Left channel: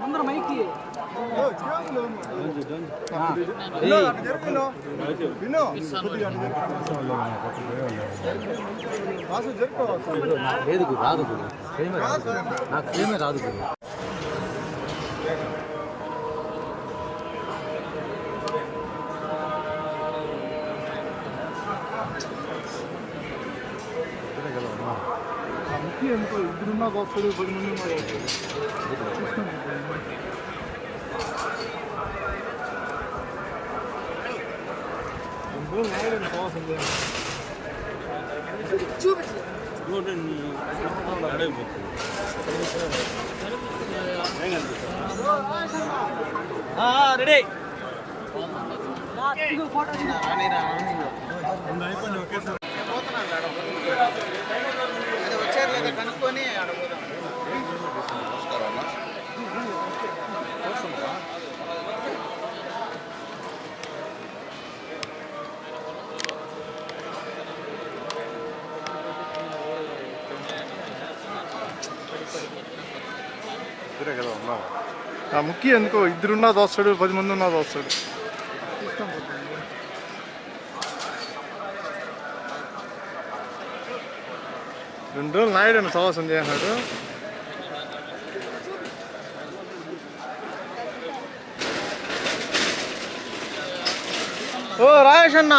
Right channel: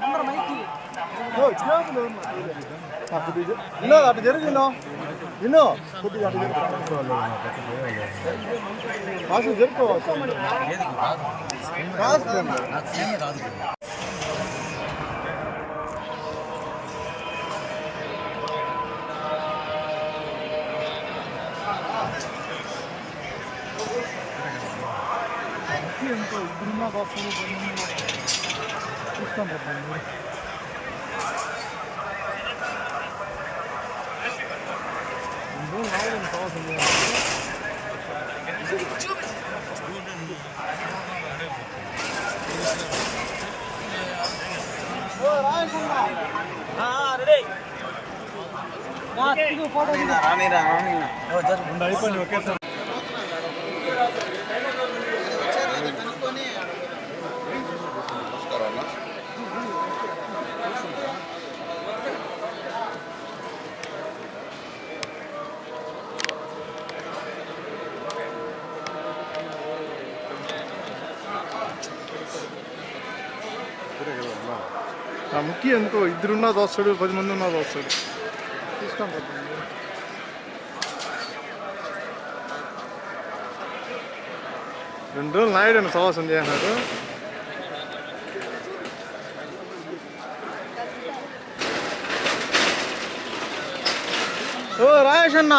ముందర మైకి రాదు. ఎంతో ఇద్దరున్నా వస్తాడు 10 మంది ఉన్నా ఇష్టం రాయడం కావాల్సింది అయిపోయింది ఒకేసారి కనుక్కొని ముఖ్యం ఎందుకో ఇద్దరున్నా దోస్తాడు 10 మంది ఉన్నా దోస్తాడు ఇష్టం పడుతుంది. 2 రోజులు నాయుడు సవాసం చేసినాడు. ఓ రాయేష్ అన్న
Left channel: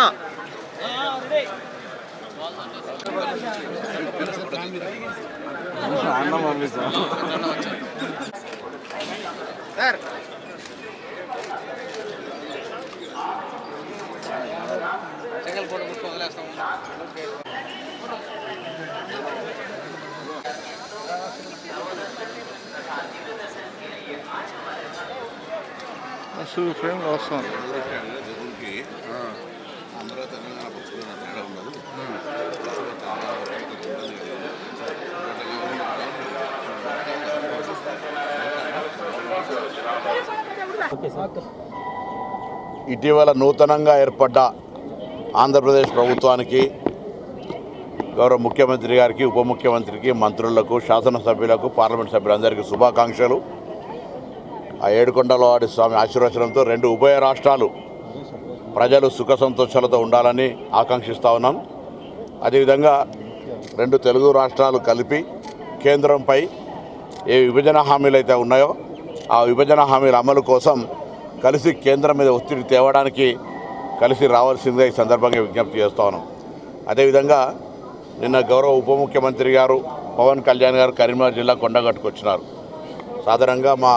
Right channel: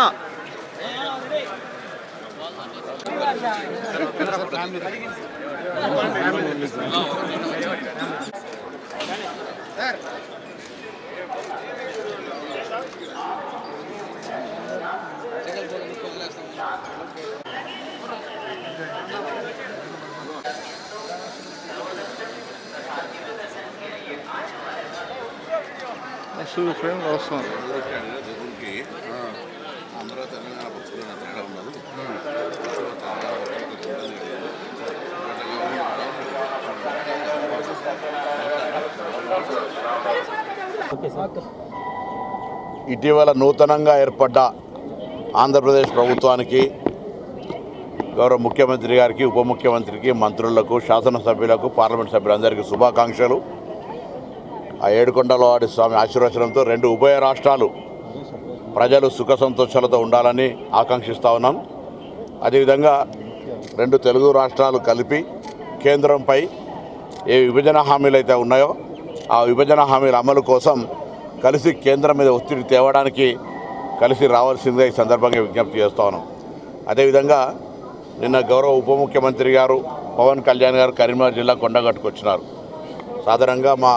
అసలు ఫ్రేమ్ వస్తాం జగన్కి అందరూ తెలంగాణ పక్షులు అక్కడ ఉన్నారు. ఇటీవల నూతనంగా ఏర్పడ్డ ఆంధ్రప్రదేశ్ ప్రభుత్వానికి గౌరవ ముఖ్యమంత్రి గారికి, ఉప ముఖ్యమంత్రికి, మంత్రులకు, శాసనసభ్యులకు, పార్లమెంట్ సభ్యులందరికీ శుభాకాంక్షలు. ఆ ఏడుకొండలవాడి స్వామి ఆశీర్వచనంతో 2 ఉభయ రాష్ట్రాలు ప్రజలు సుఖ సంతోషాలతో ఉండాలని ఆకాంక్షిస్తూ ఉన్నాం. అదేవిధంగా 2 తెలుగు రాష్ట్రాలు కలిపి కేంద్రంపై ఏ విభజన హామీలు అయితే ఉన్నాయో ఆ విభజన హామీల అమలు కోసం కలిసి కేంద్రం మీద ఒత్తిడి తేవడానికి కలిసి రావాల్సిందిగా ఈ సందర్భంగా విజ్ఞప్తి చేస్తూ ఉన్నాం. అదేవిధంగా నిన్న గౌరవ ఉప ముఖ్యమంత్రి గారు పవన్ కళ్యాణ్ గారు కరీంనగర్ జిల్లా కొండగట్టుకు వచ్చినారు. సాధారణంగా మా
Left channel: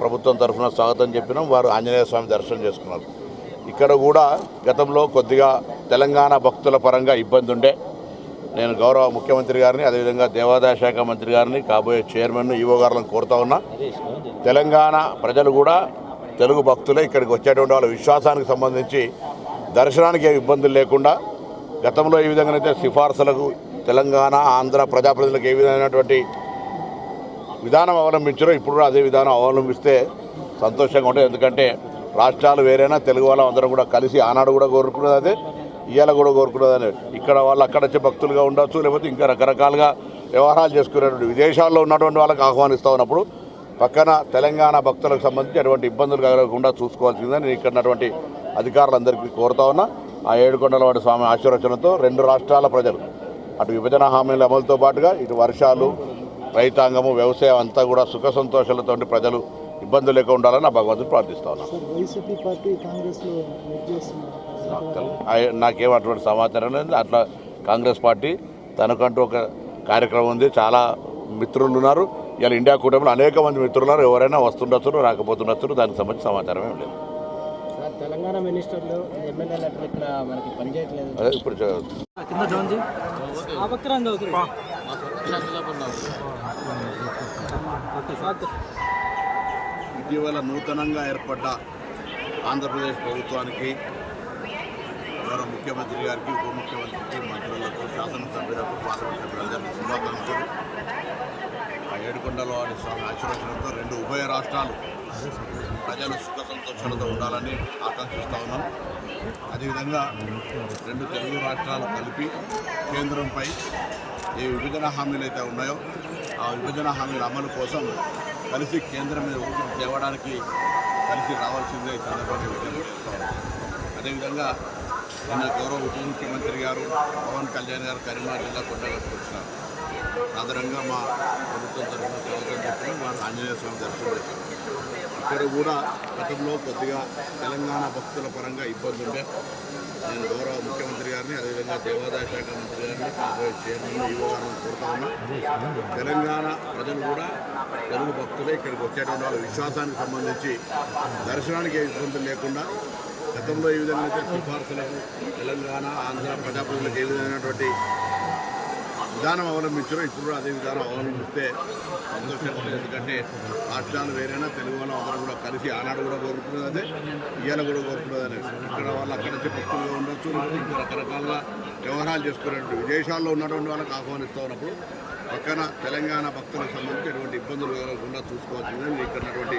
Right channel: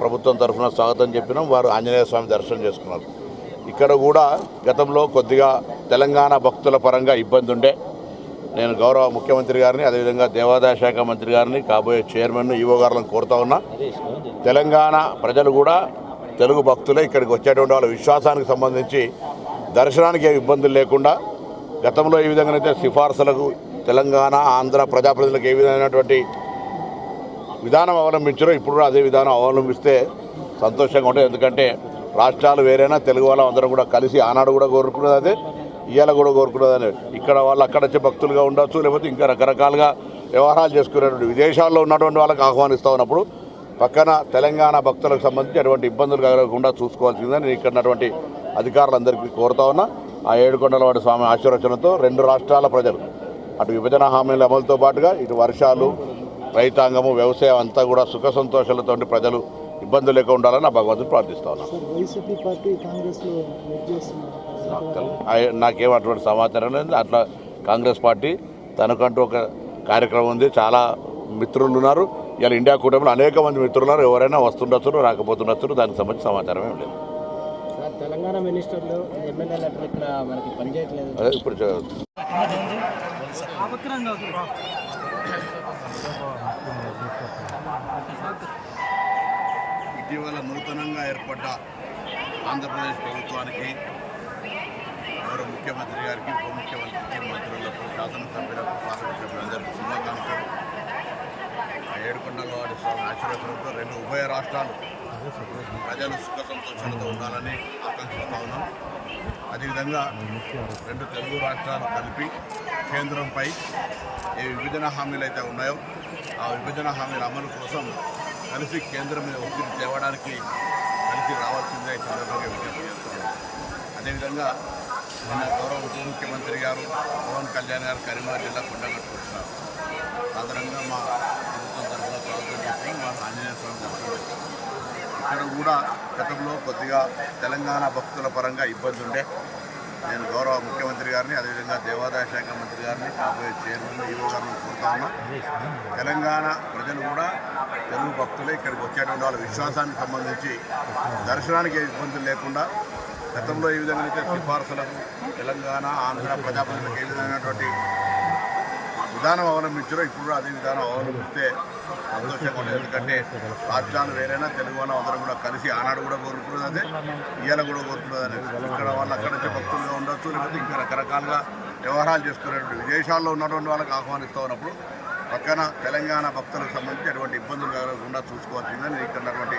ప్రభుత్వం తరఫున స్వాగతం చెప్పినాం. వారు ఆంజనేయ స్వామి దర్శనం చేసుకున్నారు. ఇక్కడ కూడా గతంలో కొద్దిగా తెలంగాణ భక్తుల పరంగా ఇబ్బంది ఉండే. నేను గౌరవ ముఖ్యమంత్రి గారిని, అదేవిధంగా దేవాదాయ శాఖ మంత్రి గారిని, కాబోయే చైర్మన్ ఈవో గారులను కోరుతా ఉన్నా, తెలంగాణ ప్రజలు కూడా తెలుగు భక్తులే ఇక్కడికి వచ్చేటువంటి వాళ్ళ విశ్వాసానికి సంబంధించి దర్శనానికి ఏ ఇబ్బందులు లేకుండా గతంలో ఏ విధంగానైతే సిఫార్సులకు తెలంగాణ ఆంధ్ర ప్రజాప్రతినిధులకు ఏ విధమైనటువంటి విధానం అవలంబించారో ఇప్పుడు కూడా అదే విధానం అవలంబిస్తే సంతోషంగా ఉంటుంది. ఎందుకంటే రాష్ట్రాలు వేరైనా తెలుగు వాళ్ళం అందరం కూడా కలిసి ఆనాడు కూడా కోరుకున్నది అదే, ఇవాళ కూడా కోరుకున్నది అదే. ఇక్కడ వాళ్ళు అక్కడ వచ్చే భక్తులుగా ఉండొచ్చు, లేకపోతే ఇంకా రకరకాలుగా వ్యవహారాలు చేసుకునేటువంటి విదేశాల్లో ఉన్నటువంటి వాళ్ళకి ఆహ్వానిస్తూ ఉన్నప్పుడు పక్కన తెలంగాణ భక్తులకు సంబంధించి అటువంటి ఇబ్బందులు కలగకుండా చూసుకోవాల్సిందని నేను ఇక్కడ ఉన్నటువంటి అధికారులందరికీ కోరుతా ఉన్నా. ఆ ఏడుకొండలవాడి స్వామి ఆశీర్వచనంతో 2 రాష్ట్రాల ప్రజలు అటు విభజన హామీల అమలుతో పాటుగా ఇటు వర్షాలు, రైతాంగము, వ్యవసాయం అంతా కూడా సుఖ సంతోషాలతో ప్రజలు ఇబ్బందులు లేకుండా ఉండాలని నా భగవంతుడు ప్రార్థిస్తా ఉన్నాను. నాకేం అటువంటి సమాచారం లేదు. అట్లా కాంగ్రెస్ పార్టీ తనకంటూ ఒక కార్యక్రమం ఉంది. చాలా మిత్రులు ఉన్నారు. ఇలా ఇండియా కూటమిలో అనేక మంది మిత్రులు ఉన్నారు. ఎవరైనా వస్తుండొచ్చు, రాకపోతుండొచ్చు. దానికి సంబంధించిన సమాచారం ఏం లేదు. తెలంగాణ మినిస్టర్లు ఎమ్మెల్యేలు ఇక్కడ మనకి పనిచేయట్లేదు. అదే ఇప్పుడు ఇటీవల నూతనంగా ఏర్పడ్డ ఆంధ్రప్రదేశ్ ప్రభుత్వానికి గౌరవ ముఖ్యమంత్రి గారికి, ఉప ముఖ్యమంత్రికి, మంత్రులకు, శాసనసభ్యులకు, పార్లమెంట్ సభ్యులందరికీ శుభాకాంక్షలు. ఆ ఏడుకొండలవాడి స్వామి ఆశీర్వచనంతో 2 ఉభయ రాష్ట్రాలు ప్రజలు సుఖ సంతోషాలతో ఉండాలని ఆకాంక్షిస్తూ ఉన్నాం. అదేవిధంగా రెండు తెలుగు రాష్ట్రాలు కలిపి కేంద్రంపై ఏ విభజన హామీలు అయితే ఉన్నాయో ఆ విభజన హామీల అమలు కోసం కలిసి కేంద్రం మీద ఒత్తిడి తేవడానికి కలిసి రావాల్సిందే ఈ సందర్భంగా విజ్ఞప్తి చేస్తూ ఉన్నాం. అదేవిధంగా నిన్న గౌరవ ఉప ముఖ్యమంత్రి గారు పవన్ కళ్యాణ్ గారు కరీంనగర్ జిల్లా కొండగట్టుకు వచ్చినారు. సాధారణంగా మా ప్రభుత్వం తరఫున స్వాగతం చెప్పిన వారు ఆంజనేయ స్వామి దర్శనం చేస్తున్నారు. ఇక్కడ కూడా గతంలో కొద్దిగా తెలంగాణ భక్తుల పరంగా ఇబ్బంది ఉండే. నేను గౌరవ ముఖ్యమంత్రి గారిని అదేవిధంగా దేవాదాయ శాఖ మంత్రి గారిని కాబోయే చైర్మన్ ఈవో గారిని కోరుతా ఉన్నా. తెలంగాణ ప్రజలు కూడా తెలుగు భక్తులే ఇక్కడికి వచ్చేటువంటి వాళ్ళ విశ్వాసానికి సంబంధించి దర్శనానికి ఇబ్బందులు లేకుండా గతంలో ఏ విధంగా అయితే సిఫార్సులకు తెలంగాణ ఆంధ్ర ప్రజాప్రతినిధులకు ఏ విధమైనటువంటి విధానం అవలంబించారో ఇప్పుడు కూడా అదే విధానం అవలంబిస్తే సంతోషంగా ఉంటుంది. ఎందుకంటే రాష్ట్రాలు వేరైనా తెలుగు వాళ్ళం అందరం కూడా కలిసి ఆనాడు కూడా కోరుకున్నది అదే, ఇవాళ కూడా కోరుకున్నది అదే. ఇక్కడ వాళ్ళు అక్కడి నుంచి భక్తులుగా ఉండొచ్చు, లేకపోతే ఇంకా రకరకాలుగా వ్యవహారాలు చేసుకునేటువంటి విదేశాల్లో ఉన్నటువంటి వాళ్ళకి ఆహ్వానిస్తూ ఉన్నప్పుడు పక్కన తెలంగాణ భక్తులకు సంబంధించి ఎటువంటి ఇబ్బందులు కలగకుండా చూసుకోవాల్సిందని నేను ఇక్కడ ఉన్నటువంటి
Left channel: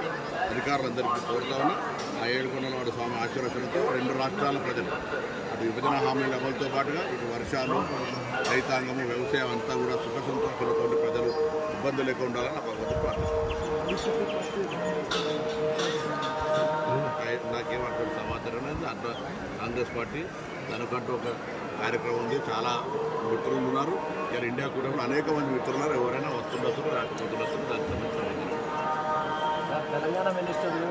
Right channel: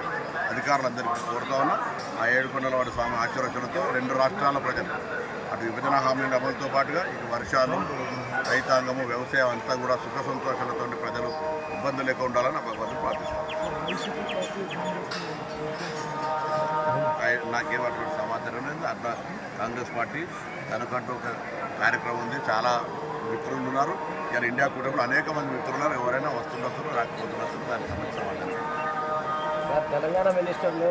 అధికారులందరికీ కోరుతా ఉన్నా. ఆ ఏడుకొండలవాడి స్వామి ఆశీర్వచనతో రెండు రాష్ట్రాల ప్రజలు అటు విభజన హామీల అమలుతో పాటుగా ఇటు వర్షాలు, రైతాంగము, వ్యవసాయం అంతా కూడా సుఖ సంతోషాలతో ప్రజలు ఇబ్బందులు లేకుండా ఉండాలని నా భగవంతుడు ప్రార్థిస్తాను. నాకేం అటువంటి సమాచారం లేదు. అట్లా కాంగ్రెస్ పార్టీ తనకంటూ ఒక కార్యక్రమం ఉంది. చాలా మిత్రులు ఉన్నారు. ఇలా ఇండియా కూటమిలో అనేక మంది మిత్రులు ఉన్నారు. ఎవరైనా వస్తుండొచ్చు, రాకపోతుండొచ్చు. దానికి సంబంధించిన సమాచారం తెలంగాణ మినిస్టర్లు